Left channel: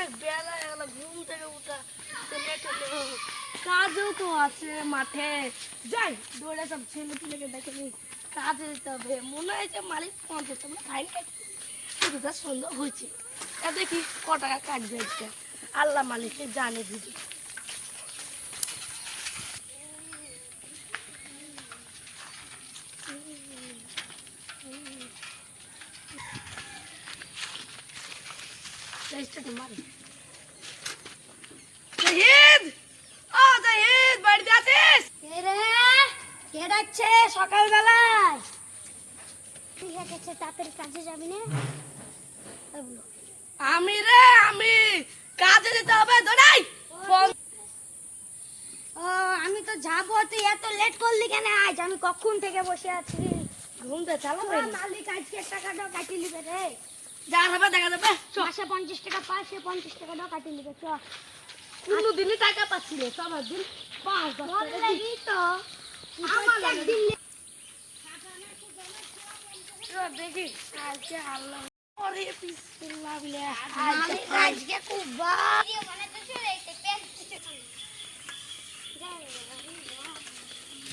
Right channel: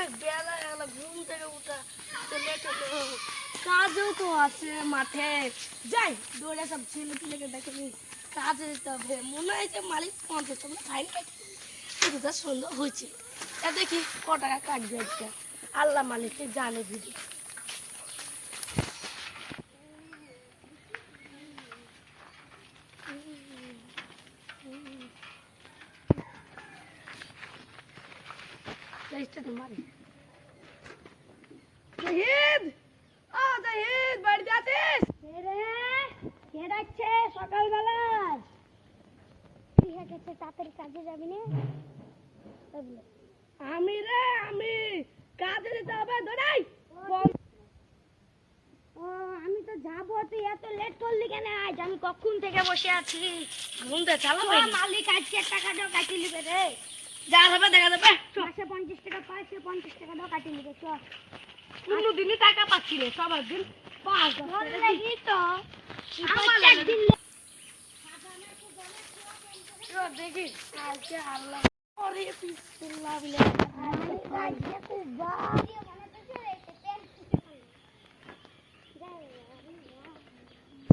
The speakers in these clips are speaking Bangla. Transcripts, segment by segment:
অনেক বেলা গেল, ঘুম থেকে উঠা লেট হলো, কাজও তো আছে মাঠে। যাই দৌড়ে সব ছেলে পিলেকে দেখে নি, কাজে যেতে হবে। মনে হয় যে মালিক 50 টাকা ফাইন কাটবে, সুন্দর হয়েছে। দেখি ক টাকা কাটবে একটা, আল্লাহ মালিককে জানে দিদি। সকালবেলায় তাড়াতাড়ি কাজে যাবি না? আমি কাজে যেতে হবে। আমি তো যাবো, তুই এত লেট করলি কেন? আজ আমি কখন থেকে বসে আছি। ঘুমতে চালাবে মালিক আজকে টাকাটাও কাটি নিবে রে। যা হবে দেখা যাবে। মাসে 50 টাকা পায়, সে 50 টাকাটাও কাটি নিবে। চ, কোনদিনই টাকা পাচ্ছি না, সবার দিন 5-10 টাকা লাগি তো একদিন দেখি আজকে আল্লাহ ওরে বিসমিল্লাহ বলে মালিক আজকে খুব ভারী মানে তো চলে এসে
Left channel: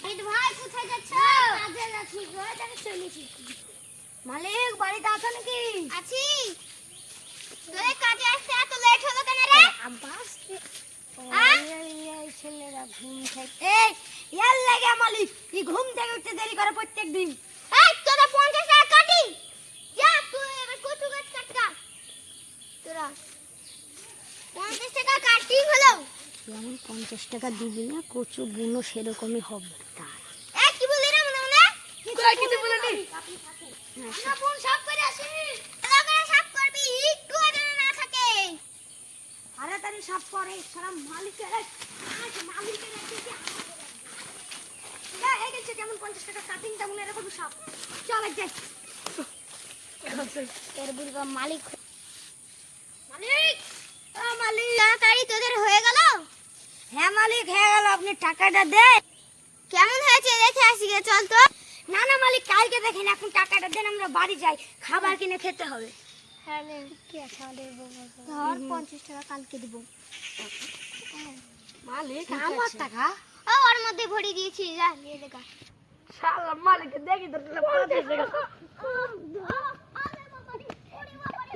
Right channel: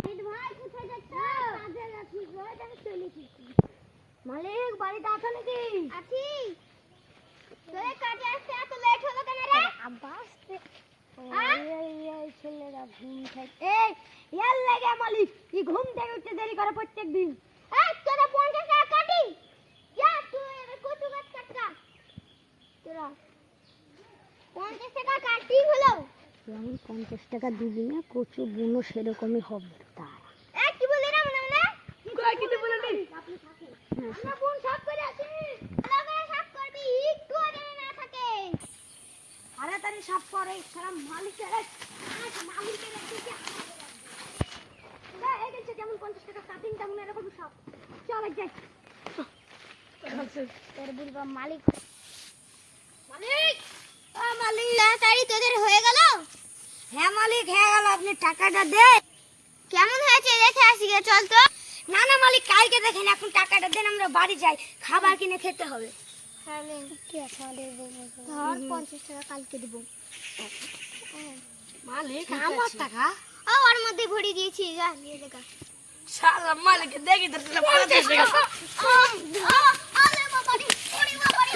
পেন্ট ভাই কোথায় যাচ্ছ? কাজে যাচ্ছি, ঘরে থেকে চলেছি। মালিক বাড়িতে আছো নাকি? আছি। তোর কাজে আসতে এত লেট হলো কেন রে? আব্বাস এই ছেলেরা ঘুম থেকে ইয়ার লাগে মালিক এই ঘুম থেকে উঠতে দেরি করে প্রত্যেকদিন। এই তোরা 50 টাকা কাটি, যা তুই এবার কচু গাছ কাটকা। তোরা 50 টাকা কাটি হলো, যেমন 50 টাকা দিবি না কচু বুনো সেরকমই হবে। তার এই কি বলি রে মনে মনে? কিছু বলিনি। না বোন সব করে আসিনি, ভালো করে সব করবি, একটু যেন না থাকে। তাড়াতাড়ি সব করে সারা মালিকের মালিকের দিকে এই গেছে যেমন 50 টাকা কাটিং তেমন এরকম সব চলে যাই। এর বুড়ো মালিক মালিক মালিক তাড়াতাড়ি তোদের হয়ে গেল? হ্যাঁ মালিক হয়ে গেল, আপনি টাকাটা দেন। কেমন হয়েছে রেখে আসি গে, চল তো। না না মালিক কালকে দেখেন, এখন টাকাটা দেন, আমরা বাড়ি যাই, খাবার কিনে খেতে হবে। হ্যাঁ কি আছে আমাদের, ধর 50 টাকা কালকে দেব। মালিক আমার টাকা ওর মধ্যে ভরে দিয়েছি, যা নিয়ে দেখা। শালা মালিক দেখি তো 50 টাকা। আরে বাবা রে, ওরে বাবা রে।